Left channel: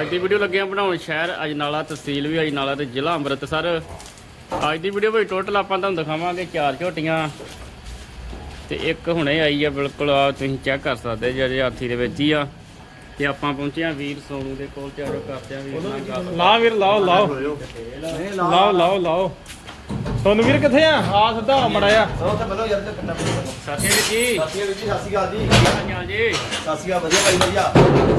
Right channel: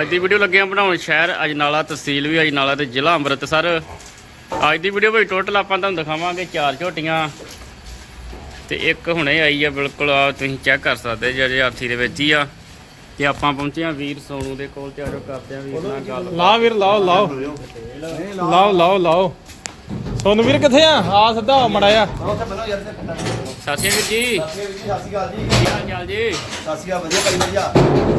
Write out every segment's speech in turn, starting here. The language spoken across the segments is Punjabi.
ਅੱਜ ਦੀ ਵੀਡੀਓ ਲੱਗੇ ਆ ਬਣਾਉਣ ਸ਼ਹਿਰ ਅਜਨਾਲਾ ਤਹਿਸੀਲ ਵੀ ਅਜਨਾਲਾ ਤੇ ਜ਼ਿਲ੍ਹਾ ਅੰਮ੍ਰਿਤਸਰ। ਅੱਜ ਦੀ ਵੀਡੀਓ ਵਿੱਚ ਟੋਟਲ ਆਪਾਂ ਤੁਹਾਨੂੰ ਦਿਖਾਵਾਂਗੇ ਚਾਰ ਝੋਟੀਆਂ। ਤੇ ਇੱਕ ਹੁਣੇ ਆਈ ਆ, ਬਿਲਕੁਲ ਆ ਤੁਸੀਂ ਚੈੱਕ ਕਰ ਸਕਦੇ ਜਿਹੜੇ ਹਾਥੀ ਦੇ ਵਿੱਚ ਹੀ ਆ। ਤੇ ਆਪਾਂ ਪਹੁੰਚੇ ਆ ਵੀਰ ਸੋਨੂ ਦੇ ਕੋਲ, ਤੇ ਆਜੋ ਕਰਦੇ ਆ ਵੀਰ ਨਾਲ ਗੱਲ। ਲਾ ਵੀਰ, ਲਾਓ ਲਾਓ। ਲਾਓ ਲਾਓ ਲਾਓ। ਤੁਹਾਨੂੰ ਵੀਰ ਕਿੱਥੇ ਆ? ਆ ਸਿੱਧਾ ਮੜਾਇਆ ਉੱਥੇ ਬੰਨੋ ਯਾਰ ਤੇ ਕੰਨਾ ਸ਼੍ਰੀ ਅਕਾਲ ਜੀ। ਸਾਥੀ ਵੀਰ ਜੀ ਸ਼੍ਰੀ ਅਕਾਲ ਜੀ। ਚਾਲ ਜੀ? ਅਕਾਲ ਵਧੀਆ ਭਾਈ ਵਧੀਆ।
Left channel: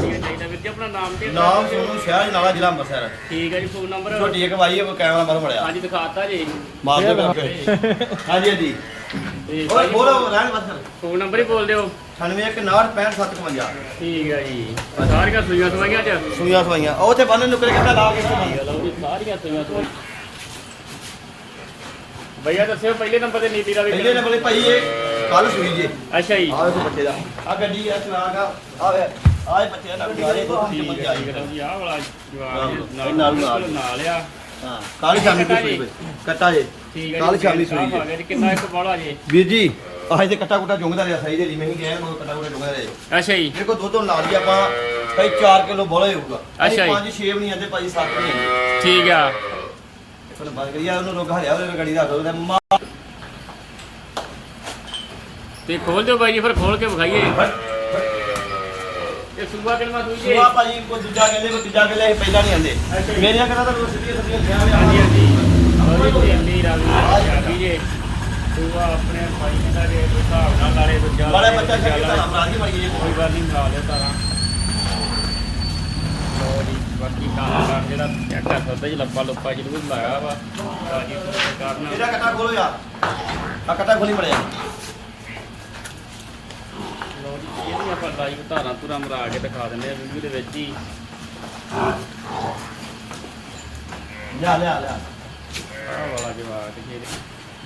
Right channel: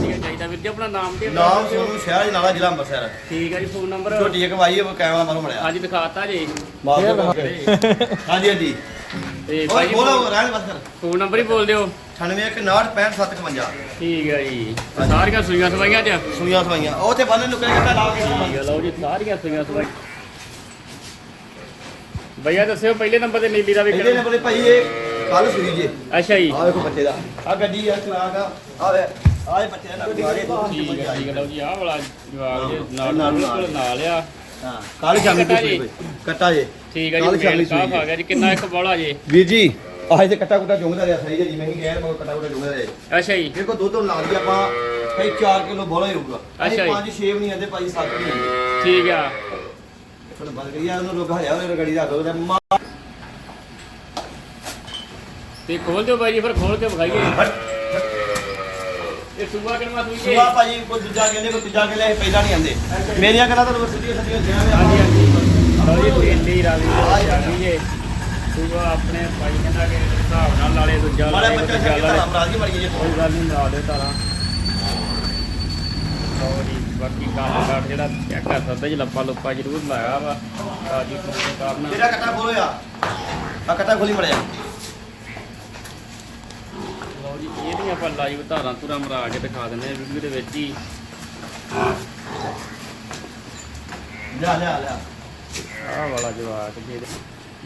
ਠੀਕ ਚਾਹੀਦਾ ਵੀਰ ਜੀ ਆਪਣਾ ਨਾਮ ਤੇ ਨਾਮ ਸੋਨੂੰ ਸ਼ਹਿਰ ਜਨਾਲਾ ਜ਼ਿਲ੍ਹਾ ਅੰਮ੍ਰਿਤਸਰ। ਠੀਕ ਹੈ ਜੀ ਫੋਨ ਨੰਬਰ ਛੋਟੀ ਇੱਕ ਵਾਈ ਹੈ ਕੈਮਰਾ ਮਾਰੋ ਮੜਿਆ ਅੱਜ ਦਿਖਾਤਾ ਜੀ ਮਾਰ ਦੋ ਹਾਂਜੀ ਹਾਂਜੀ। ਤੇ ਭਾਈ ਬੋਲੋ ਰਹਿਣ ਬਸ ਫੋਨ ਨੰਬਰ ਹੀ ਬੋਲ ਦਿਓ। 9816655755 ਠੀਕ ਹੈ ਜੀ। ਸਾਰੀਆਂ ਸੂਈਆਂ ਸਵਾਈਆਂ ਚ ਸੂਈਆਂ ਸਵਾਈਆਂ। ਉਹ ਉੱਥੇ ਬੰਨ ਲੁਕੇ ਕਿੱਦਾਂ ਲਾ ਕੇ ਹੈ ਲਓ ਜੀ ਸਾਰੀਆਂ ਸੂਈਆਂ ਸਵਾਈਆਂ। ਭਈਆ ਦੱਸਿਓ ਪਹਿਲੇ ਨੰਬਰ ਤੇ ਨੀਲੀ ਦਾ ਵੀ ਇਹਦੇ ਨੰਬਰ ਤੇ ਭਾਈ ਇਹ ਕੱਲ ਸੂਈ ਜੇ। ਅੱਛਾ ਜੀ। ਆਹ ਵੇਖੋ ਬੱਚੇ ਦਾ। ਆ ਗੱਡੀ ਆ ਚਲਾਕ ਆ। ਆ ਵੇ ਆ ਇਹ ਬੱਚੇ ਦਾ ਨਾਲੇ ਦੋ ਚਮਚ ਹੈ ਆਈ ਜੀ ਆਹ ਵਾਲਾ ਜਵਾਬ ਨਾਲ- ਨਾਲ ਨਾਲ- ਆ। ਹਾਂ ਕੱਲ ਸ਼ਾਮੀ। ਸੂਈ ਕੱਟਾ ਜੇ। ਠੀਕ ਨਾਲ ਜੀ ਸ਼ਾਮੀ ਸੂਈ ਆ ਗਿਆ ਜੀ। ਕਿੰਨਾ ਇੱਕ ਬੋਲਾ ਜੀ। ਵੀਰ ਜੀ ਆਹ ਤੇ ਕੱਟਾ ਕੁੱਟਾ ਚੁੰਗਦਾ ਰਿਹਾ ਸਹੀ ਜੀ। ਮੈਂ ਹੀ ਕਹਿ ਮਗਰ ਕੱਟਾ ਕੁੱਟਾ ਚੁੰਗਦਾ ਰਿਹਾ। ਅੱਛਾ ਜੀ। ਦੇਖੋ ਦੁੱਧ ਨਾਲ ਹੀ ਆਪਾਂ ਭਾਈ 4 ਕਿਲੋ ਬੋਲਾ ਹੀ ਹੋਊਗਾ। ਅੱਛਾ ਜੀ। 5 6 ਨਹੀਂ ਆਂਦੇ ਭਾਈ 7 ਨਹੀਂ ਆਂਦੇ। ਠੀਕ ਆ। ਫਿਰ ਬੰਦ ਕਰੀਆ ਉਹਨੂੰ ਰੋਕ ਹਰਿਆ ਉਹਨੇ ਗੱਡੀ ਰੱਖ ਦੋ ਤੇ ਮਾ ਤੇ ਖੋਲ ਦਿਓ ਬਾਈ ਜੀ ਫਿਰ ਖੋਲ ਕੇ ਵਿਖਾਈਏ। ਇਹ ਸੂਬਾ ਕਿਲਮਾ ਸੂਈ ਜੀ ਸੁਆ ਭਾਜੀ ਕੋਈ ਦੂਜਾ ਕਹਿੰਦੇ ਕੋਈ ਤੀਜਾ ਕਹਿੰਦੇ ਇਹ ਪਹਿਲਾਂ ਨਹੀਂ ਆਂਦੇ। ਮੇਰੀਆਂ ਕਹਿੰਦਾ ਤਾਂ ਸਿੱਧੀਆਂ ਸਿੱਧੀਆਂ ਗਿਆ ਵੇ ਹਾਂਜੀ ਹਾਂਜੀ। ਲਓ ਜੀ ਸੂਬਾ ਆਪਣੇ ਭਾਈ ਕਹਿੰਦਾ ਕਿ ਹਿਸਾਬ ਨਾਲ ਨਾਲੇ ਦੂਜਾ ਬੜਾ ਬੱਚਾ ਧਾਰਾ ਬਣਾ ਦੀ ਮੜੀ ਜੇ ਕੋਈ ਗੱਲ ਨਹੀਂ ਨਾਲ ਦੇ ਤਾਰਾ ਜੀ ਬਾਕੀ ਕੰਮ ਕਰ ਜਿਹੜਾ ਚੈੱਕ ਕਰ ਸਕਦੇ ਜੀ ਲੱਪਾ ਲੁੱਪਾ ਜ਼ਰੂਰ ਲਾਇਆ ਵਾ। ਤੋਂ ਕਾਰਨ ਇਹਦਾ ਕੱਟਾ ਖੋਲੋ ਆ ਆ ਕੱਟਾ ਖੋਲੀ ਮੜਿਆ। ਲਓ ਜੀ ਇਹਦੀਆਂ ਆਪਾਂ ਲਾਈਵ ਧਾਰਾਂ ਪੂਰਾ ਮਰਾ ਕੇ ਦਿਖਾ ਦਿੰਦੇ ਆ ਵੀਡੀਓ ਦੇ ਵਿੱਚ ਹੀ। ਲਿਆ ਲਿਆ ਲਿਆ। ਆਹ ਵਾਲਾ ਜਵਾਬ ਜੀ।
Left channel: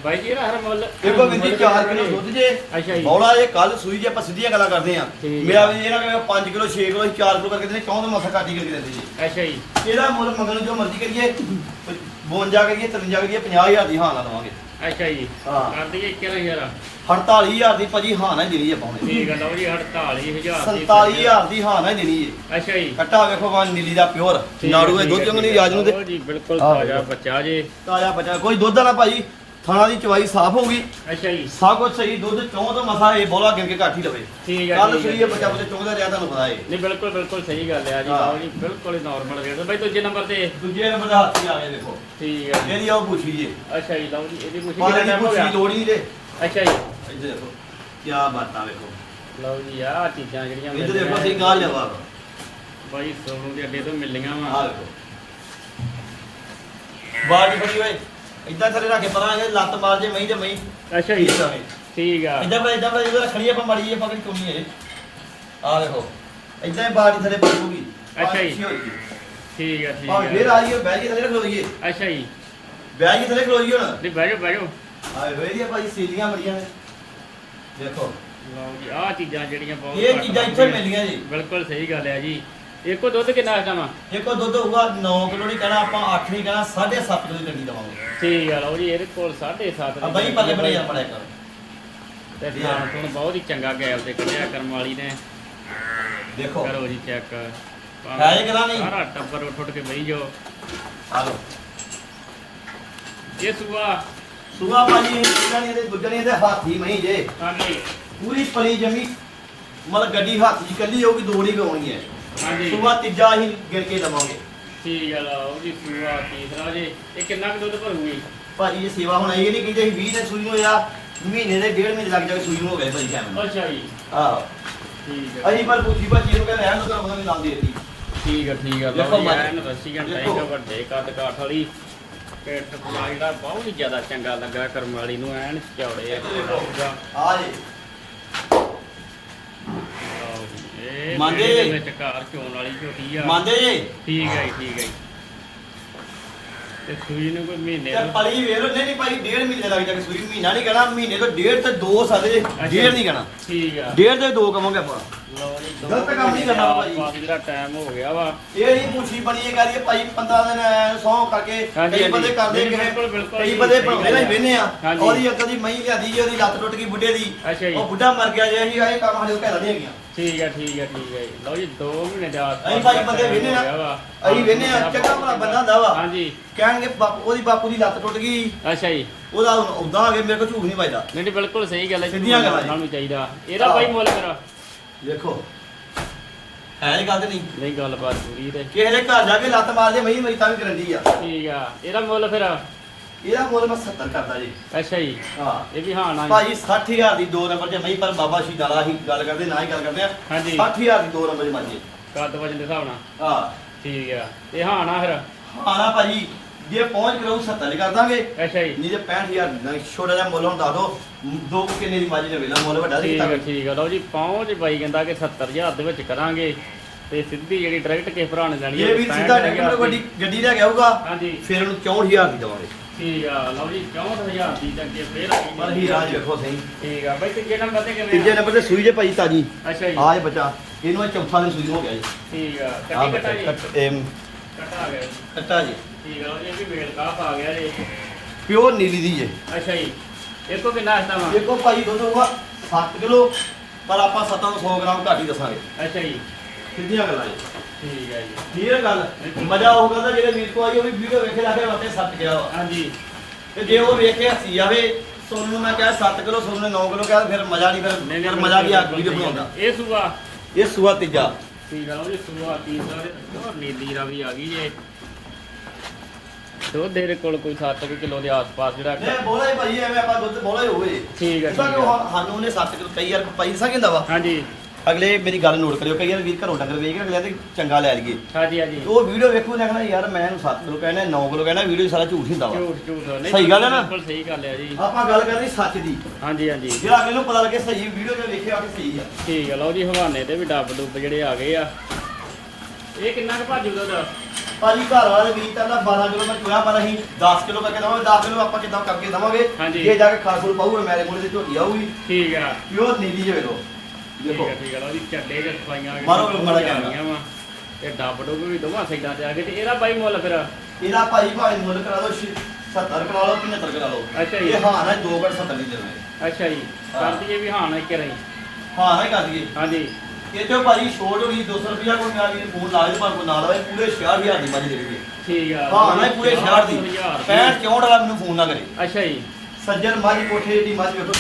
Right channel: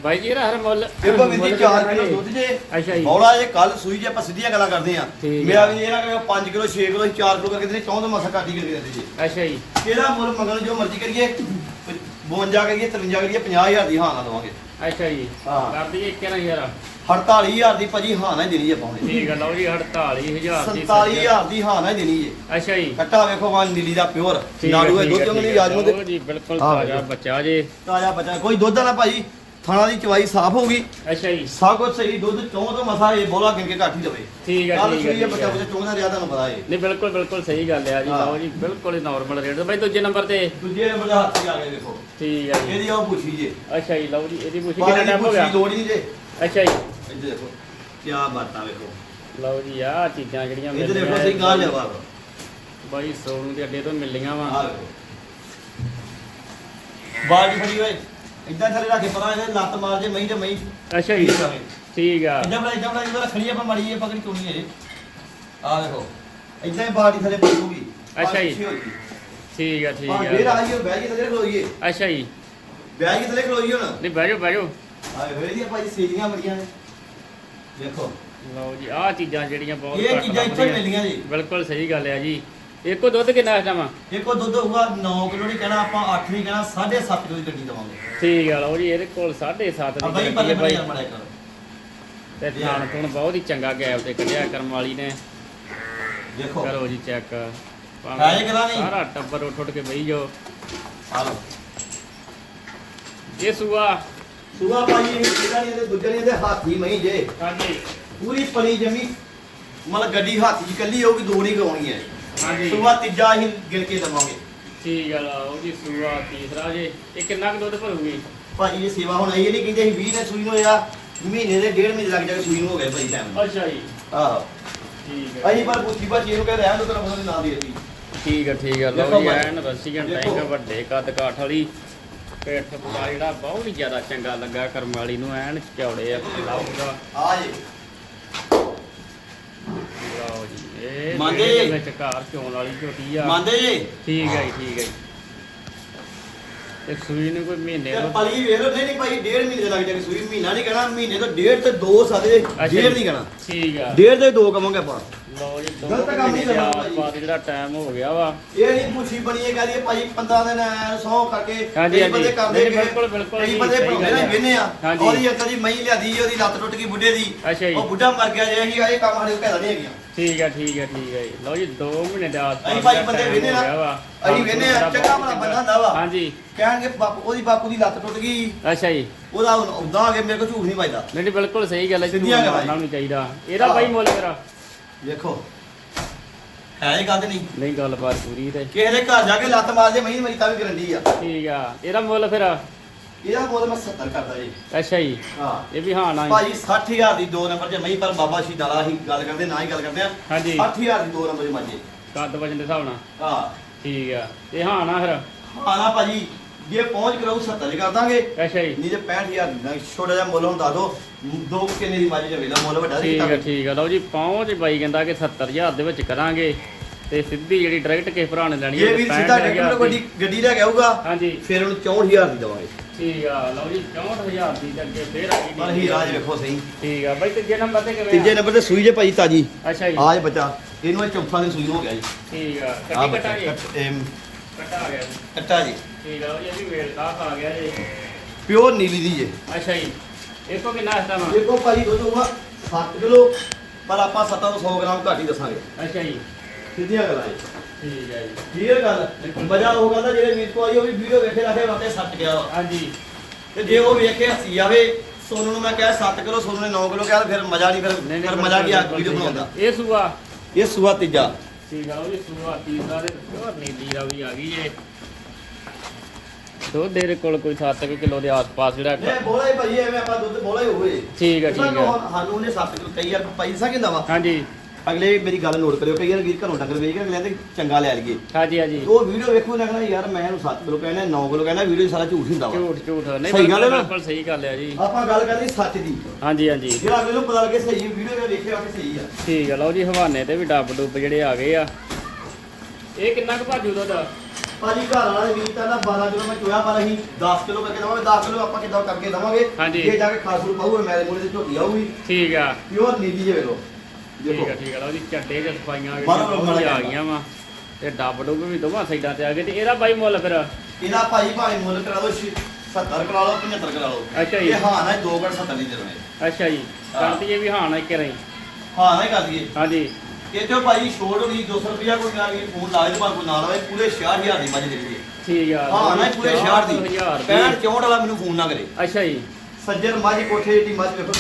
ਬਾਈ ਜੀ ਇਹਦਾ ਹਰ ਮੁੱਲ ਇਹ ਕੋ ਵਿੰਦੀ 4 ਕਿਲੋ ਦੁੱਧ ਜੇ ਅੱਛਾ ਜੀ। ਬੌਲਾ ਇਹ ਕੱਲ ਸੂਈ ਜੇ ਆਪਾਂ ਸਿੱਧੀਆਂ ਗੱਲਾਂ ਕਰਦੇ ਆ ਠੀਕ ਮੇਰਾ ਵੀ ਇਹ ਨਾ ਕਿ 5 ਕਿਲੋ 6 ਕਿਲੋ 4 ਕਿਲੋ ਕਰਕੇ ਦੇਣੇ ਚੌਂ ਮਸਾ ਕਾਟੀ ਕਰਕੇ ਦਿੰਦੇ ਜੀ। ਅੱਛਾ ਜੀ। ਇਹਦਾ ਮੁੱਲ ਮੰਗਣ ਜੋ ਮਰਜ਼ੀ ਕਰੀਏ 52 ਕਰੀਏ 53 ਕਰੀਏ 50000 ਦੀ ਹਾਂ ਨਾ ਦਵਾਂਗੇ। ਅੱਛਾ ਜੀ। ਹਾਂ। ਕਰ ਦਈਏ 21000 48000 ਦੀ ਭਾਜੀ ਹਾਂ ਨਾ ਹੀ ਦੇਣੀ ਹੈ ਪਾਉਣੇ ਠੀਕ ਹੈ ਲਓ ਜੀ 48000 ਦੀ 47000 ਦੀ ਹਾਂ ਨਾ ਹੀ ਦੇਣੀ ਹੈ। ਅੱਛਾ ਜੀ। ਕੱਟਾ ਵੇਖੋ ਵਾ ਨੀਲੀ ਦਾ ਪਿਓਰ। ਹੈ, ਨਾੜੂ ਇਹ ਠੀਕ ਦੁੱਧ ਹੈ, ਚੰਗਣੀ ਹੈ। ਰਾਜ ਨੂੰ ਤੇ ਲਓ ਜੀ ਬਿਲਕੁਲ ਆਹ ਤਾਜ਼ਾ ਵੇਖੋ। ਬੱਚਾ ਜੇ। ਤਾਜ਼ਾ ਬੱਚਾ ਕੋਈ ਦੁੱਧ ਵਾਲਾ ਭਾਜੀ ਥਾਣਾ ਦੀ ਚਵਾਈ ਸਾਫ਼ ਹੋਊਗੀ ਅੱਛਾ ਜੀ। ਸਭ ਕੁਝ ਸਹੀ ਦੁੱਧ ਚੌਂ ਤੋਂ ਮਸਾ ਇਹ ਬੋਲਾ ਗਿਣ ਕੇ ਘੱਟ ਹੀ ਲਵੇ ਠੀਕ ਹੈ ਕੱਲ ਠੀਕ ਸਹੀ ਹੈ ਹੈ ਬੱਚਾ ਬੱਚਾ ਚੌਂਦਾ ਰਿਹਾ ਤੁਹਾਨੂੰ ਪਤਾ ਹੈ ਨਹੀਂ ਬਿਲਕੁਲ ਬਿਲਕੁਲ ਸਹੀ ਗੱਲ ਹੈ ਜੀ ਹਾਂ। ਲਓ ਜੀ ਬਿਲਕੁਲ ਹੀ ਨਾਰਮਲ ਰੇਟ ਬਾਈ ਦੂਜੇ ਨੰਬਰ ਤੇ? ਦੂਜੇ ਨੰਬਰ ਦਾ ਹੱਥ ਹੀ ਆ ਗਿਆ ਵੇਖੋ ਠੀਕ ਹੈ ਜੀ। ਇਹਦੀ ਆਉ ਪੁੱਛੀ ਜੇ ਅੱਛਾ ਜੀ ਲਓ ਜੀ ਇਹਦੀ ਪੁੱਛੀ ਪਾਣੀ ਕਿੰਨਾ ਦੀ ਟਾਈਮ ਹੋ ਪੁੱਛੀ ਗਿਆ? ਲੋੜ ਹੀ ਨਹੀਂ ਜੇ। ਅੱਛਾ ਜੀ। ਇੱਧਰ ਦੇਖੋ ਕੀ ਬਾਤਾਂ ਵੇਖੋ। ਲਓ ਜੀ ਆਹ ਚੀਜ਼ਾਂ ਜਿਹੜੀਆਂ ਇੱਧਰ ਦੇਖੋ ਸਹੀ ਗਾਹ ਜਵਾਬ। ਬਾਈ ਸੋਨ ਦੇ ਅੱਡੇ ਤੋਂ ਮਿਲੀਆਂ ਆ ਵਾ ਵੇਖੋ ਬਾਜ ਫੜੀ ਓਏ। ਇਦਾਂ ਥੱਲੇ ਰੱਖ ਕੇ ਪਰਾਂ ਇਹ ਲੱਤ ਮਾਰ ਜੇ ਮਹੀਂ ਤੇ ਮਹੀਂ। ਅੱਛਾ ਜੀ। ਠੀਕ ਆ। ਇਦਾਂ ਬੜਾ ਇਦਾਂ ਬੜਾ ਜਦੋਂ ਰੱਖਣੀ ਆਪਾਂ ਮੜੀ ਆਪਾਂ ਕਿਹੜੀ ਚੁਣੀ ਹੈ ਆ ਵੇਖੋ ਇਦਾਂ ਹੀ ਬਾਡੀ ਥੱਲੇ ਪੜੂਗੀ ਅੱਛਾ ਜੀ। ਠੀਕ ਆ ਠੀਕ ਆ। ਫੇਰ ਆ ਆ ਗਈ ਬਹਿ ਕੇ ਥੱਲੇ ਖਲੋਈਏ। ਅੱਛਾ ਜੀ। ਬਹਿ ਕੇ ਥੱਲੇ ਖਲੋਈਏ ਹੁਣ। ਨਹੀਂ ਬਹਿ ਜਾਓ ਬਹਿ ਜਾਓ। ਆ ਵੇਖੋ ਇਹਦੀਆਂ ਭਾਜੀ ਸੀਲੀਆਂ ਬੜੀਆਂ ਨੇ। ਦੇਖੋ। ਲਓ ਜੀ ਆਹ ਚੀਜ਼ਾਂ ਜਿਹੜੀਆਂ ਬਹੁਤ ਇਹ ਚੀਜ਼ਾਂ ਇੱਥੇ। ਮਿਲਦੀਆਂ ਜੀ। ਬਿਲਕੁਲ ਸਹੀ ਗੱਲ ਹੈ ਜੀ। ਇੱਕੋ ਦੁੱਧ ਕਿੰਨਾ ਟਾਈਮ ਦੇਖੋ ਦੁੱਧ ਹੋਊਗਾ 9 ਕਿਲੋ ਨਹੀਂ ਕਹਿਣਾ ਆਪਾਂ 8 ਨਹੀਂ ਕਹਿਣਾ 7.5 ਕਿਲੋ ਦੀ ਟੱਕੀ ਦਵਾਂਗੇ। ਠੀਕ ਆ ਲਓ ਜੀ ਇਹਦੇ ਕੋਲ 7.5 ਆ ਬਾਈ ਪੱਲੇ ਬਣੇ ਮੜਾ ਕਰ। ਤੇ ਧਿਆਨ ਤੋਂ ਬਹੁਤ ਹੀ ਚੰਗਾ ਗੈਪ ਤੇ ਕੱਢਿਆ ਕਰਮ ਵਾਲੀ ਨੇ। ਦੇਖੋ। ਕਰੋ ਜੀ ਚੈੱਕ ਹੈ ਗੱਲਾਂ ਨਹੀਂ? ਸਾਰਾ ਟੱਬਰ ਉੱਠ ਉੱਠ ਕੇ ਬਈ ਜਾਓ ਆ ਲਓ। ਇਹ ਸੂਆ। ਸੂਆ ਭਾਜੀ ਇਹਦਾ ਨਹੀਂ ਇਹਦੇ ਨਹੀਂ ਇਹਦੇ ਹਾਥੀ ਮਹੀਂ ਜੇ। ਹਾਂਜੀ। ਪੂਰੀ ਪਲੀ ਜਮੀ। ਮਤਲਬ ਗੱਡੀ ਹੱਥ 'ਚ ਕੱਲੀ ਹੋਊਗੀ ਦੋ ਨਹੀਂ ਗਾਉਣਗੀਆਂ ਹਾਂਜੀ। ਸੂਆ ਤੀਜਾ ਹੀ ਗਿਰ ਕੇ ਦਵਾਂਗੇ। ਠੀਕ ਆ ਲਓ ਜੀ ਸੂਆ ਤੀਸਰਾ ਜੇ ਇਹ ਕਿੰਨਾ ਕੁ ਦੁੱਧ ਭਰੂਗੀ? ਭਾਜੀ ਇਹ ਸੇਵਾ ਹੁਣ ਇਹ ਨਹੀਂ ਕਹਿੰਦੇ ਸੀ 20 ਦਿਨ ਸੂਈ ਨੂੰ ਹੋਇਆ ਮਹੀਨੇ ਦੇ ਡੇਢ ਮਹੀਨੇ ਲੱਗ ਜਾਵੇ ਸੂਈ ਨੂੰ ਹੋ ਗਏ ਭਾਜੀ ਟਾਈਮ ਅੱਛਾ ਜੀ। ਆਹ। ਠੀਕ ਹੈ ਅਸੀਂ ਪਰ ਪੁੱਛੀ ਬੱਚੀ ਨੂੰ ਕਹਿੰਦੇ ਰਹਿਣ ਦੋ ਤੁਹਾਨੂੰ ਪਤਾ ਨਹੀਂ ਨਾਲ ਦੇ ਦਿੱਤੀ। ਠੀਕ ਹੈ ਠੀਕ ਹੈ ਦੇਖੋ ਲਓ ਜੀ ਮਤ- ਐਨ ਰਸੀਆਂ ਦੇਖੋ। ਟਾਈਗਰ ਵੱਡੇ ਕੱਦ ਕਾਠ ਵਾਲੀ ਪੇਟ ਪਾ ਜਿਹੜਾ ਬਹੁਤ ਹੀ ਜ਼ਿਆਦਾ ਚੰਗਾ ਲੱਗਾ ਕਰਮ ਵਾਲੀ ਨੂੰ ਐਨ ਚੌੜੇ ਆ ਆ ਜੇ ਲਓ ਜੀ, ਇਹ ਮੰਨਦੇ ਜਿਹੜੇ ਜੀ? ਵਿੱਚ ਘਰ ਚੋਣ ਵਾਲੀ ਝੋਟੀ ਆ। ਮੰਨਦੇ ਜੇ? ਠੀਕ ਹੈ ਜੀ ਠੀਕ ਹੈ ਜੀ। ਤੇ ਸੂਈ ਨੂੰ ਕੋਈ ਮਹੀਨੇ ਤੇ ਨੂੰ ਪਲੀ ਵੇਖ ਲਓ ਨਹੀਂ ਨਹੀਂ ਭਾਈ ਡੇਢ ਮਹੀਨੇ ਲੱਗ ਜਾਵੇ ਸੂਈ ਮਹੀਨਾ ਨਹੀਂ ਕਹਿਣਾ ਮਹੀਨੇ ਤੋਂ ਡੇਢ ਤੇ ਦੋ ਸਾਡੇ ਡੇਢ ਨਹੀਂ ਕਹਿਣਾ। ਠੀਕ ਆ। ਡੇਢ ਦੇ ਦੋ ਕਵਾਂਗੇ ਆਪਾਂ। ਲਓ ਗਲਤ ਕੰਮ ਨਹੀਂ ਕਰਨਾ ਭਾਜੀ। ਆਪਾਂ ਜਿਹੜਾ ਟਾਈਮ ਹੋ ਗਿਆ ਵਾ। ਇਹ ਨਹੀਂ ਪੁੱਛੀ ਬਣੀ ਇਹ ਕਹਦੀ ਭਾਈ 15 ਦਿਨ ਸੌ ਕਰਕੇ ਹਾਂਜੀ, ਕਈ ਹਾਂਜੀ। ਬੰਦੇ ਕਰਦੇ ਨਹੀਂ, ਨੇ ਬਿਲਕੁਲ, ਬਿਲਕੁਲ ਕਈ ਜੀ, ਬੰਦੇ ਸਹੀ ਭਰੋਸੇ ਗੱਲ ਨਾਲ ਹੈ। ਵੇਨੇ ਆ ਹਾਂਜੀ। ਉਹਦੀ ਅੰਕਲ ਦੀ ਮਹੀਂ ਲਿਆਦੀ ਜੀ ਉਹਦੀ ਲੱਤ ਟੁੱਟ ਗਈ ਬੁੱਢੇ ਦੀ। ਅੱਛਾ ਜੀ। ਉਹ ਬੁੱਢਾ ਮਰ ਗਿਆ ਜੇ ਅਸੀਂ ਇਹ ਕੰਮ ਸਾਡੇ ਕੋਲ ਘਰ ਨਹੀਂ ਹੈਗੀਆਂ। ਠੀਕ ਹੈ ਠੀਕ ਹੈ ਠੀਕ ਹੈ ਜੀ। ਲਓ ਜੀ 2 ਮਹੀਨੇ ਦਾ ਆਸ-ਪਾਸ ਅਸੀਂ ਭਾਈ ਦਾ ਬੰਦੇ time ਵੇਹਨੇ ਨਾ ਹੋ ਗਿਆ ਵਾ। ਅਸੀਂ ਵੇਹਨੇ ਆ ਚੰਗਾ ਭਲਾ ਬੰਦਾ ਹੁੰਦਾ ਵਾ। ਹਾਂਜੀ। ਕਹਿਣਗੇ ਬਾਪੂ ਉਹਦੀ ਬਾਪੂ ਦੀ ਲੱਤ ਟੁੱਟ ਗਈ। ਅੱਛਾ ਜੀ। ਉਹਦਾ ਉਦਾਂ ਆ ਕੇ ਮੇਰੇ ਕੋਲ ਝੂਠ ਨਹੀਂ ਵੱਜਦਾ। ਨਹੀਂ ਬਿਲਕੁਲ ਸਹੀ ਗੱਲ ਹੈ ਸਿੱਧੀਆਂ ਗੱਲਾਂ ਨੂੰ ਚਾਹੀਦਾ। ਇਹਦਾ। ਬਾਈ ਮੁੱਲ ਕਰਾ। ਵੇਖੋ। ਹੈ ਇਹ ਗੱਲ ਤੇ ਨਹੀਂ? ਨਹੀਂ ਗੱਲਬਾਤ ਪੂਰੀ ਤੇ। ਕਿਸੇ ਦੇ ਘਰ ਜਾ ਕੇ ਲੱਤ ਮਾਰ ਜੇ ਮਈ ਮਰੀ ਤਾਂ ਵੀ ਗਰੰਟੀ ਆ। ਠੀਕ ਆ। ਇਹਦਾ ਮੁੱਲ ਫਿਰ? ਇਹਦਾ ਮੁੱਲ ਮੈਂ 70 ਕਰਦਾ ਜੀ। ਅੱਛਾ ਜੀ। ਹਾਂ। ਇਹ ਵੀ ਹਾਂ ਨਾ। ਭਾਜੀ 60000 ਦੀ ਦੋ ਨੰਬਰ 'ਚ ਮਈ ਪਰ ਬਾਬਾ ਸ਼ੀ ਨਾਲਾ ਹੀ ਗੱਲ ਕਰਦੇ ਨਾ ਹੀ ਗੱਲ ਕਰਦੇ ਆ। ਹਾਂਜੀ। 60000 ਦੀ ਦੋ ਨੰਬਰ 'ਚ ਮਾਜੇ ਕੱਦ ਵਜਨ ਦੇ ਹਿਸਾਬ ਨਾਲ। ਹਾਂ। ਠੀਕ ਆ। ਇਹ ਹਾਂ ਨਾ ਫਿਰ? ਆਣਾ ਭਾਜੀ। ਜੇ ਪਹੁੰਚ ਕਰੋ 70 ਕਰ ਦਾਂਗੇ। ਅੱਛਾ ਜੀ। ਨਹੀਂ ਤੇ 65000 ਦੀ ਦਾਂਗੇ। ਛੋਟਾ ਜਿਹਾ ਮੁੱਲ ਹੁਣ ਦੱਸ ਦੋ ਦੋ ਕਿੰਨੇ ਦੀ ਮਾਜੀ ਨੇ ਵੇਲਾ ਮੁੱਲ ਵੱਡਾ ਠੀਕ ਆ ਠੀਕ ਆ। ਲਓ ਜੀ ਪਹੁੰਚ ਬਾਈ ਕਹਿੰਦਾ ਕਿ 70000 ਦੇ ਵਿੱਚ ਕਰਾਂਗੇ ਤੇ ਸਿੱਧੀ ਜਿਹੜੀ ਡਾਇਰੈਕਟ ਕਿਸੇ ਭਰਾ ਨੇ ਲੈਣੀ ਜੇ ਵੀ ਸਿੱਧਾ ਟਰੈਕਟਰ ਗੱਡੀ ਗੱਡੀ ਲੈ ਕੇ ਆਊਗਾ ਹਾਂਜੀ। ਫਿਰ ਉਹਨੂੰ 64000 ਦੀ ਦਵਾਂਗੇ। ਠੀਕ ਆ ਲਓ ਜੀ 64000 ਦੀ ਅੱਗੇ ਫੇਰ ਆ ਗਈ। ਪਰ ਹੀ ਰਾਜ ਵੇਖੋ ਸਹੀ। ਠੀਕ ਆ ਬਾਈ ਤੀਜੇ ਨੰਬਰ ਤੇ ਕਿਵੇਂ ਤੀਜੇ ਨੰਬਰ ਤੇ ਸੂਈ ਜੇ ਭਾਜੀ ਤਾਜੀ। ਅੱਛਾ ਜੀ। ਆਜ ਬੱਚਾ ਇਹਨੂੰ ਇਹ ਚੌਥਾ ਦਿਨ ਸੂਈ ਹੋ ਗਿਆ ਜੀ। ਠੀਕ ਆ ਆ ਕੱਟੀ ਕੱਟਾ ਜੀ? ਕੱਟ- ਆ ਗਿਆ। ਕੱਟਾ ਜੀ। ਠੀਕ ਆ ਇਹ ਵੀ ਵੇਲ ਕਾਫ ਆ ਗਿਆ ਜੀ ਪਿਓਰ ਨੀਲੀ ਦੀ ਜੇ ਅੱਛਾ ਜੀ। ਇਹ ਕੋ ਕਿੰਨਾ ਹਸਤਾ ਵਾ। ਦੇਖੋ ਭਾਜੀ ਦੁੱਧ ਹੋਊਗਾ 7 ਕਿਲੋ ਪਰ ਆਪਾਂ 7 ਤੋਂ 100 ਗ੍ਰਾਮ ਘੱਟ ਹੀ ਦੱਸਾਂਗੇ। ਅੱਛਾ ਜੀ। ਸਿੱਧੀਆਂ ਗੱਲਾਂ ਜੀ। ਠੀਕ ਹੈ ਜੀ। ਹੈ ਗੱਲ। ਮਜ਼ਾ ਉਹ ਕਹਿੰਦਾ ਜਿਹੜੇ ਵੀਰ ਕੋ ਆਈ ਉਹ ਵੀ ਵੀਡੀਓ ਵੇਖੇ ਲੱਗੇ ਵਾਤੇ ਸੱਟ ਗਿਆ ਵਾ। ਹਾਂਜੀ। ਤੇ ਜੇ ਉਹ ਵੇਖ ਕੇ ਹੱਸੀ ਜਾਵੇ ਸੋਨੂੰ ਨੂੰ ਮੈਂ ਕਿਹਾ 7 ਕਿਲੋ ਸੋਨੂੰ ਨੇ 9 ਕਿਲੋ ਕਿਹਾ ਤੇ ਫਿਰ ਮਜ਼ਾ ਨਹੀਂ ਫਿਰ ਫਿਰ ਮਜ਼ਾ ਕੀ ਆ ਵੀਡੀਓ ਬਣਾਉਂਦਾ। ਇਹ ਸੂਆ। ਇਹ ਸੂਆ ਤੀਜਾ। ਠੀਕ ਆ ਉਹ ਜੀ ਸੂਆ ਤੀਸਰਾ ਦੇ ਨੀਲੀ ਦਾ ਵੀ ਆ ਗਈ ਏ ਦੁੱਧ ਦੇ ਕੋਲ ਕੋਈ 7 ਕਿਲੋ ਦੇ ਆਸ-ਪਾਸ ਜਿਹੜਾ ਨਹੀਂ ਬੋਲਾ ਹੀ ਭਾਈ ਐਵੇਂ ਆਪਾਂ ਦੁੱਧ ਬੋਲਾ ਹੀ ਹੋਵੇ। ਠੀਕ ਹੈ ਉਹਦਾ ਠੀਕ ਹੈ ਹੁਣ ਸਾਨੂੰ ਨੇ 7 ਕਿਲੋ ਕਈ ਯਾਰ ਭਾਈ ਸਾ ਕਹਿੰਦਾ ਵਾ। ਹਾਂਜੀ। ਅਗਲੇ ਮੇਰੀ ਗੱਲ ਨੋਟ ਕਰਿਓ ਕਈ ਵਾਰ ਵੀਰ ਘਰੋਂ ਡੰਗਰ ਵੇਚ ਕੇ ਅਗਲੇ ਤੇ ਚੰਗਾ ਲੈ ਲਈਏ। ਹਾਂਜੀ ਹਾਂਜੀ। ਤੇ ਉਹ ਵੀਡੀਓ ਵੇਖੋ ਨਾ ਕਹਿੰਦਾ ਯਾਰ ਮੈਂ ਇਹਨੂੰ 7 ਕਿਲੋ ਕਹਿਣਾ 9 ਕਿਲੋ ਕਹਿਣਾ ਵੀਡੀਓ ਸਾਰਾ ਝੂਠ ਹੀ ਹੁੰਦਾ ਵਾ। ਝੂਠ ਝੂਠ। ਨਹੀਂ ਸਹੀ ਗੱਲ ਹੈ ਨਾ? ਬਿਲਕੁਲ ਸਹੀ ਗੱਲ ਹੈ ਜੀ। ਆਪਾਂ ਗੱਲ ਕਰਨੀ ਸੱਚ ਦੀ। ਹਾਂਜੀ ਹਾਂਜੀ। ਜਿਹੜਾ ਮੈਨੂੰ ਪਤਾ ਲੱਗੇ ਸਹੀ ਵੀਡੀਓ ਮੈਂ ਵੇਖਿਆ ਕਿ ਸਹੀ ਆ। ਠੀਕ ਆ ਲਓ ਜੀ ਹਵਾਨੇ ਤੇ ਵੀ ਡੱਬ ਡੁੱਬ ਜਿਹੜੇ ਆ ਗਏ ਆ। ਇਹ ਕਿੰਨਾ ਕੁ ਭਾਜੂ ਦੁੱਧ ਭਾਜੀ ਘਰ ਵਾਲੇ ਵੀਰ ਕਹਿੰਦਾ 12 ਕਿਲੋ ਮੈਂ ਚੋਇਆ ਪਰ ਅਸੀਂ 10 ਕਿਲੋ ਕਰਕੇ ਦਵਾਂਗੇ। 10 ਕਿਲੋ ਆਪਾਂ ਕਿੱਦਾਂ ਕਰਕੇ ਦਵਾਂਗੇ? ਹਾਂਜੀ। ਜੇ ਜਾ ਕੇ ਖਾਸੂ ਪਾਊਗਾ ਮੇਰੇ ਮੂਹਰੇ ਤੇ ਝੋਟੀ ਆਊਗੀ। ਠੀਕ ਆ। ਪਿਓਰ ਨੀਲੀ ਜੇ ਵੇਖੋ। ਠੀਕ ਦੇਖੋ। ਆ ਠੀਕ ਆ ਜੀ ਚੱਡੇ ਜਦ ਪਾਈਆਂ ਆ ਬਾਹਰੋਂ ਵੀ ਬੜਾ ਆ ਗਈਆਂ ਵਾ। ਤੇ ਡੱਬ ਡੁੱਬ ਵੀ ਦੋਵਾਂ ਸਾਈਡਾਂ ਤੇ ਆ ਗਏ ਤੇ ਇਹਦਾ ਬਾਈ ਮੁੱਲ ਫਿਰ? ਇਹਦਾ ਭਾਈ ਭਾਵੇਂ ਮੁੱਲ ਕਰਾ ਲਓ 70 ਕਰਾ ਲਓ 75 ਕਰਾ ਲਓ। ਅੱਛਾ ਜੀ। ਇਹ ਹਾਂ ਨਾ 2 ਘੜ 70 ਦੀ ਦੇਣੇ ਅੱਛਾ ਜੀ। ਹਾਂ। ਕਰਦੀ ਇਹ ਵੀ ਹਾਂ ਨਾ ਇੱਕ ਰਹੀ ਹਾਂ ਨਾ ਹੀ ਕਰ ਦਈਏ। ਹਾਂਜੀ। ਇਹ ਤੇ ਭਾਈ ਛੋੜ ਹੋਣੀ 200 ਰੁਪਿਆ ਕੋਈ ਨਾ ਵੀ ਫੋਨ ਲਾਏ ਤੇ ਭਾਵੇਂ ਕੋਈ ਨਾ ਲਾਵੇ ਪੂਰੇ 66000 ਦੀ ਮੱਝ ਦੇ ਦੇਈਏ ਠੀਕ ਆ। ਹਾਂ ਨਾ ਪੂਰੇ 66 ਦੀ। 6000 65 64 ਵਾਲਾ ਮੈਨੂੰ ਫੋਨ ਨਾ ਕਰੇ। ਅੱਛਾ ਜੀ। ਸੱਜਣ ਮੱਝ ਕੋਠੇ ਦੀ ਮੱਝ ਵੇਖੋ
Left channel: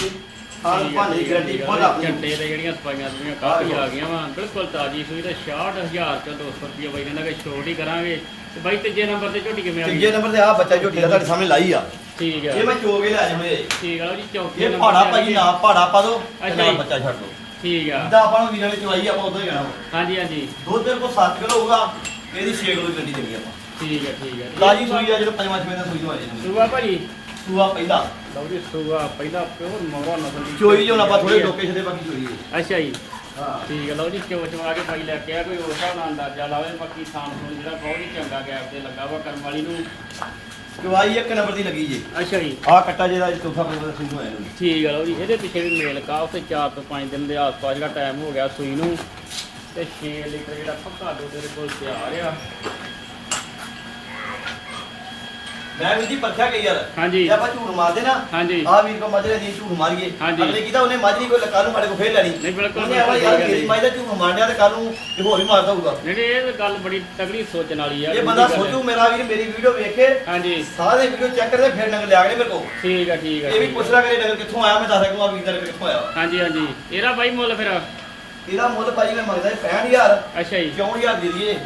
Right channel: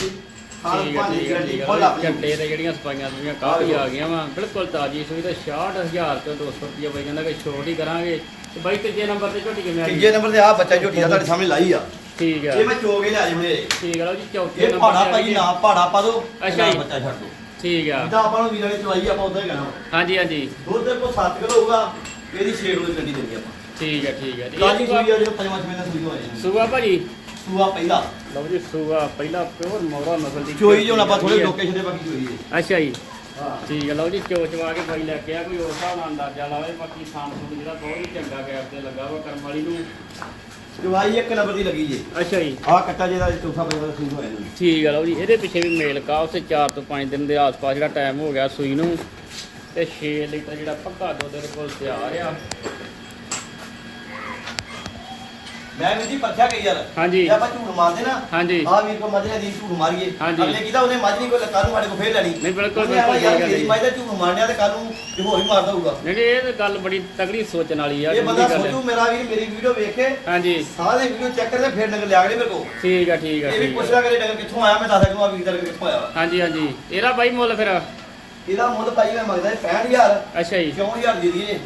ਹਾਂ ਠੀਕ ਆ, ਭਾਣੇ ਆ, ਗਰੰਟੀ ਆ। ਖੁਦ ਆਪਣੀ ਝੰਡੇ ਤੇ ਜਿਹੜੀਆਂ ਸਪਾਈਆਂ ਜਿਹੜੀਆਂ ਕਾਫੀ ਆ ਗਈਆਂ ਵਾ। ਬਿਲਕੁਲ ਤਾਜੀ ਸੂਈ ਤੇ 66000 ਤੋਂ 200 ਰੁਪਏ ਬਾਈ ਕਹਿੰਦਾ ਕਿ ਛੋਟ ਹੀ ਕਰਾਂਗੇ। ਤੇ ਬਾਈ ਤੀਜੇ ਨੰਬਰ ਤੇ ਝੋਟੀ ਕਿਵੇਂ ਆ ਤੀਜੇ ਨੰਬਰ ਤੇ ਆ ਬੱਚਾ ਝੋਟੀ ਦਾ ਤੁਹਾਡੇ ਸਾਹਮਣੇ ਲਾਈ ਆ। ਠੀਕ ਆ। ਇਹ ਮੈਂ ਚੋਗੇ ਲੈ ਆਏ ਹੋਏ ਠੀਕ ਆ ਜੀ ਚੌਥੇ ਇਹ ਪਹਾੜਾ ਆ ਭਾਈ। ਨਾ ਪਹਾੜਾ ਪਾ ਦੋ ਅੱਛਾ ਨਾਲ ਜੀ। ਬੱਚਾ ਛੱਡ ਦੋ। ਠੀਕ ਆ। ਜਿੱਦਾਂ ਆਪਾਂ ਨੂੰ ਵੀਰਾਂ ਨੇ ਚਵਾਈ ਆਪਾਂ ਉਦਾਂ ਹੀ ਕਹਿਣਾ ਹਾਂਜੀ ਹਾਂਜੀ। ਦੁੱਧ ਦੇ ਕੋਲ 7 ਕਿਲੋ ਹੋਊਗਾ ਇਹਦੀ 6 ਕਿਲੋ ਗੱਡੀ ਦੇਣੀ ਆਪਾਂ। ਠੀਕ ਆ ਠੀਕ ਆ। ਤਾਜੀ ਸੂਈ ਆ ਜਿਹੜਾ ਪੰਜਵਾਂ ਛੇਵਾਂ ਦਾ ਸੂਈ ਨੂੰ ਆ ਜਾਂਦੀ ਸੂਆ ਭਾਜੀ? ਸੂਆ ਪਹਿਲਾ। ਲਓ ਜੀ ਸੂਆ ਪਹਿਲਾ ਪਿਓਰ ਮੋਰਾ ਨਸਲ ਦੀ ਚੋਈ ਜੋ ਨਾ ਆਪਾਂ ਥੋੜੇ ਲੋਕੇਸ਼ਨ ਦੇ ਬਾਕੀ ਚੋਈ ਹੈ ਅੱਛਾ ਜੀ। ਹਾਂ। ਠੀਕ ਹੈ ਲਓ ਜੀ ਚੋ ਚਵਾ ਕੇ ਬਾਈ ਲੈ ਕੇ ਆ ਕੋਈ ਹੋਰ ਹਿਸਾਬ ਨਾਲ ਅੰਦਾਜ਼ਾ ਲਾਵੇ ਬਾਕੀ ਥਾਂ ਥੂਣ ਜਿਹੜਾ ਬਹੁਤ ਹੀ ਚੰਗਾ ਗੈਪ ਤੇ ਲੱਗਾ ਵਾ ਕਰਮ ਵਾਲੀ ਨੂੰ। ਚਵਾਈ ਇੱਕ ਨੰਬਰ ਦੀ ਲੱਗੀ ਜੀ। ਅੱਛਾ ਜੀ। ਆ ਕੱਟਾ ਜਿਹੜਾ ਚੌਥਾ ਪੰਜਵਾਂ ਸੂਈ ਨੂੰ ਆਇਆ ਨੂੰ ਠੀਕ ਹੈ ਲਓ ਜੀ ਇਹਦੇ ਪਿੱਛੇ ਵੀ ਮੇਲ ਕਾ ਉਸੇ 4 ਤੋਂ 5 ਦਿਨ ਦੇ ਆਸ-ਪਾਸ ਜਿਹੜਾ ਟਾਈਮ ਹੋ ਗਿਆ ਸੂਈ ਨੂੰ। ਤੇ 6 ਲੀਟਰ ਜਿਹੜਾ ਪੱਕਾ ਦੁੱਧ ਦੇ ਕੋਲ ਤਿਆਰ ਆ। ਮੈਂ ਵੀ ਜੀ ਪਰਖਿਆ ਗਈ ਯਾਰ ਹਾਂਜੀ। ਜੇ ਆਪਾਂ ਝੂਠ ਮਾਰਦੇ ਨਾ ਹਾਂਜੀ। ਆ ਵੀਰ ਕੋ ਮੱਝ ਦੀ ਝੂਠ ਮਾਰੀਏ ਹਾਂਜੀ। ਅਗਲੇ ਕਿਹਦਾ ਉਹਨੇ ਮੱਝ ਨਹੀਂ ਕੋਈ ਕੱਲ ਨੂੰ ਸਾਡੇ ਕੋ ਫੇਰ ਲੈਣੀ। ਨਹੀਂ, ਬਿਲਕੁਲ ਉਹਨੇ ਆਵਾ ਯਾਰ ਮੇਰੀ ਮੱਝ ਦਾ ਝੂਠ ਮਾਰਨਿਆ ਤੇ ਕੱਲ ਨੂੰ ਇਹ ਹੋਰ ਵੀ ਮਾਰਦਾ ਹੋਊਗਾ ਜਿਹੜੀ ਇਹ ਤਾਂ ਗੱਲ ਬੜੀ ਤਗੜੀ ਸੋਚਣ ਵਾਲੀ ਆ ਇਹ ਬੰਦਾ। ਸੋਚੂ ਮੇਰਾ ਵੀਰ ਮੇਰੀ ਵੀਡੀਓ ਵੇਖੇ ਹਾਂਜੀ। ਸਾਰੇ ਵੀਡੀਓ ਚੈੱਕ ਕਰਦੇ ਫਿਰ ਨੰਗ ਲਿਆ ਕੇ ਮੇਰੇ ਕੋ ਠੀਕ ਆ ਠੀਕ ਆ ਇਹ ਵੀ ਠੀਕ ਆ। ਪੁੱਛਦਾ ਕਰੇ ਨਗਰ ਕਿੱਥੋਂ ਆਇਆ ਮੈਂ ਦੱਸ ਸਕੂੰ ਆ ਵੀਰ ਦਾ ਨਗਰ ਕਿੱਥੋਂ ਆਇਆ ਵਾ। ਹਾਂਜੀ ਹਾਂਜੀ। ਇਹਦਾ ਬਾਈ ਮੁੱਲ ਫਿਰ? ਇਹਦਾ ਮੁੱਲ ਭਾਈ ਮੈਂ ਮੰਗਦਾ 65000 ਅੱਛਾ ਜੀ। 6000 ਦੇ ਦਈਏ।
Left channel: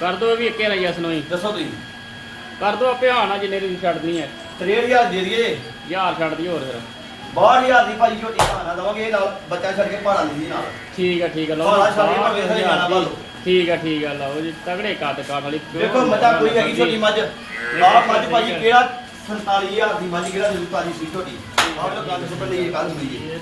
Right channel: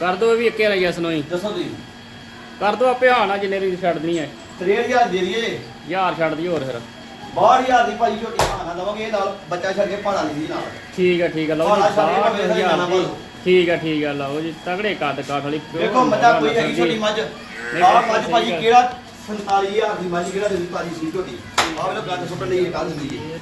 ਕਰ ਦੋ ਵੀ ਇੱਕੇ ਲਈ ਅਸਨੋਈ ਦੱਸੋ ਤੁਸੀਂ। ਕਰ ਦੋ ਆਪੇ ਹਾਣਾ ਜਿੰਨੇ ਦੀ ਛੱਡਣੀ ਹੈ। 63000 ਦੇ ਦਈਏ। ਹਜ਼ਾਰ ਛੱਡ ਦੀ ਹੋਰ ਫਿਰ। 62000 ਦੀ ਭਾਈ ਝੋਟੀ ਭਾਣਾ ਦਵਾਂਗੇ ਇਹ ਨਾਲ ਬੱਚਾ ਛੱਡ ਕੇ ਭਾਣਾ ਲਈ ਨਾਲ। ਠੀਕ ਆ ਠੀਕ ਆ ਲਓ ਭਾਣਾ ਛੱਡ ਕੇ ਭਾਵੇਂ ਸਾਰੇ ਗਾਣਾ ਪਾ ਲਓ ਠੀਕ ਆ ਠੀਕ ਆ ਲਓ ਜੀ ਤਗੜੇ ਕੱਦ ਕਾਠ ਵਾਲੀ। ਦੇਖੋ ਮੱਝਾਂ ਕੋਈ ਹੈਗੀ ਛੋਟੀ ਮੱਝ। ਆਹ ਮੱਝ ਭਾਜੀ। ਕਿਹੜਾ 47000 ਦੀ ਮੱਝ ਕਿਹੜਾ ਦੇ ਭਾਜੀ ਸੀ ਝੋਟੀ ਆਹ ਲੋ ਗੱਲ ਸੁਣ ਲਈ ਕੱਲ ਸੁਣੀਏ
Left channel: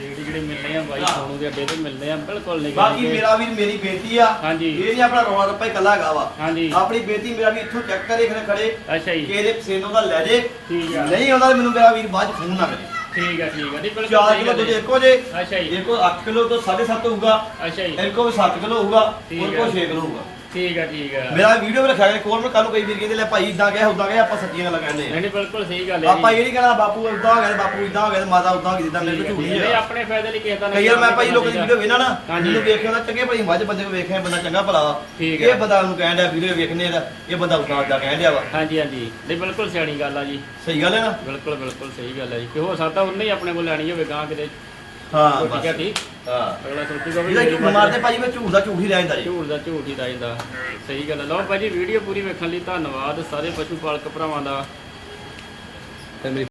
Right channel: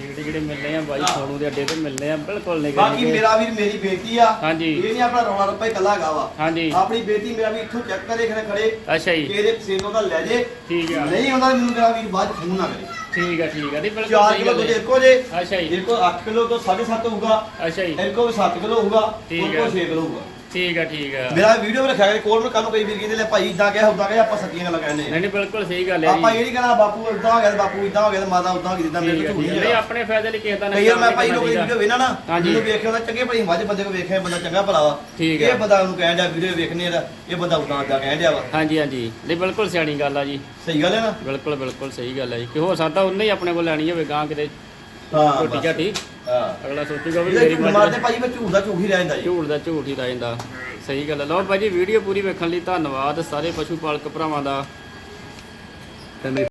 ਰੇਟ ਜਿਹੜੇ ਮਿਲਨੇ ਆ ਬਾਈ ਹਾਂ। ਸੋਨੂ ਦੇ ਅੱਡੇ ਤੇ ਮਿਲਨੇ ਆ ਬਿਲਕੁਲ ਨਹੀਂ ਬਾਕੀ ਮੇਰਾ ਵੀਰ ਮੇਰੀ ਬੇਟੀ ਆ। ਹਾਂਜੀ। ਇਹ ਨਹੀਂ ਆਪਣਾ ਰੌਲਾ ਰੱਪਾ ਹੀ ਕੱਲਾ ਹੈਗਾ ਵਾ। ਹਾਂਜੀ। ਆਪਣੀ ਬੇਟੀ ਮੇਰਾ ਵੀ ਇੱਥੋਂ ਚੈੱਕ ਕਰੇ ਖੜੇ ਖੜੇ। ਅੱਛਾ ਕਿ ਜੀ ਇਹਦੇ ਪਸੰਦ ਦਾ ਲੈ ਜੇ। ਠੀਕ ਆ। ਨਹੀਂ ਆਉਂਦਾ ਤਾਂ ਮੈਨੂੰ ਮੇਰਾ ਵੀਰ ਬਾਅਦ ਫੋਨ ਨਾ ਕਰੇ। ਠੀਕ ਆ ਦੀ ਬਿਲਕੁਲ 4 ਸਹੀ ਕਿਲੋ ਦੁੱਧ ਹੈ। ਇੱਕੋ ਜੇ। ਅੱਛਾ ਜੀ। ਇੱਕੋ 8 ਕਿਲੋ ਤੋਂ 7.5 ਹੋਊਗਾ। ਅੱਛਾ ਜੀ। ਇੱਕੋ ਵੀ 7 ਕਿਲੋ ਹੋਊਗਾ। ਹੈ। 6 ਕਿਲੋ ਹੋਊਗਾ। ਠੀਕ ਆ ਠੀਕ ਆ। ਮੇਰਾ ਵੀਡੀਓ ਵੀ ਰੱਖਿਆ ਗਿਆ ਕੋਲ ਮੈਂ ਕੱਲ ਨੂੰ ਕਈ ਵੀਰ ਕਹਿੰਦੇ ਲੈ ਭਾਈ ਇਦਾਂ ਕਹਿ ਉਦਾਂ ਕਹਿ ਆਪਾਂ ਸੱਚੀਆਂ ਗੱਲਾਂ ਕਹਿੰਦੇ ਨਹੀਂ ਨਹੀਂ ਬਿਲਕੁਲ ਸਹੀ ਗੱਲ ਹੈ ਆਪਾਂ ਇਹ ਨਹੀਂ ਕਹਿਣਾ ਬਾਪੂ ਉਦਾਂ ਹੋ ਗਿਆ ਤੇ ਬਾਪੂ ਇਦਾਂ ਹੋ ਗਿਆ ਤੇ ਮਾਤਾ ਉਦਾਂ ਹੋ ਗਈ ਜਿੱਦਾਂ ਮੇਰੇ ਤੋਂ ਝੂਠ ਨਹੀਂ ਆਪਣੇ ਫਾਇਦੇ ਲਈ ਕਿਸੇ ਦਾ ਕਈ ਵਾਰ ਮੈਂ ਭਾਈ ਲੋਕਾਂ ਦੀ ਵੀਡੀਓ ਵੇਖਣਾ ਨਾ ਹਾਂਜੀ। ਮੈਨੂੰ ਵੇਖਿਆ ਉਹਦਾ ਚੰਗੇ ਭਾਈ ਮੱਝ ਬੰਦੇ ਕੋ ਵੇਖਿਆ ਬੰਦਾ ਚੰਗਾ ਭਲਾ ਵਾ। ਇਹ। ਬੰਦਾ ਨੂੰ ਕਹਿਣ ਡਿਆ ਵੀਡੀਓ ਵੇਖਨੇ ਦਾ ਇਹ ਬੰਦਾ ਉਦਾਂ ਜਾ ਕਹਿਣ ਡਿਆ ਵਾ। ਹਾਂਜੀ ਹਾਂਜੀ। ਨਹੀਂ ਬਿਲਕੁਲ ਸਿਆਣੀ ਗੱਲ ਆ ਜੀ। ਸਹੀ ਗੱਲ ਹੈ ਨਾ? ਬਿਲਕੁਲ ਬਿਲਕੁਲ ਸਹੀ ਗੱਲ ਹੈ ਜੀ। ਕਿ ਹੋ ਸਕਦਾ ਉਹਨੇ ਹੀ ਆਪਣੇ ਕੋਲ ਲੈਣੀ ਹੋਵੇ ਗਾਂ ਕਿਤੇ ਹਾਂ ਬਸ। ਝਾਟੀ ਹਾਂ ਅਗਲਾ ਸੋਚੂਗਾ ਵੀ ਮੇਰੀ ਝੂਠ ਮਾਰਦੇ ਭਾਜੀ ਮੈਂ ਝੂਠ ਦਾ ਝੂਠ ਹੀ ਰਹਿ ਜਾਂਦਾ ਜੀ। ਝੂਠ ਦਾ ਝੂਠ ਹੀ ਰਹਿ ਜਾਂਦਾ। ਸਹੀ ਗੱਲ ਹੈ ਲਓ ਭਾਜੀ ਵੀਡੀਓ ਪੂਰੀ ਵੇਖਣ ਲਈ ਧੰਨਵਾਦ। ਸਾਰੇ ਪਸ਼ੂ ਪਾਲਕ ਭਰਾਵਾਂ ਦਾ।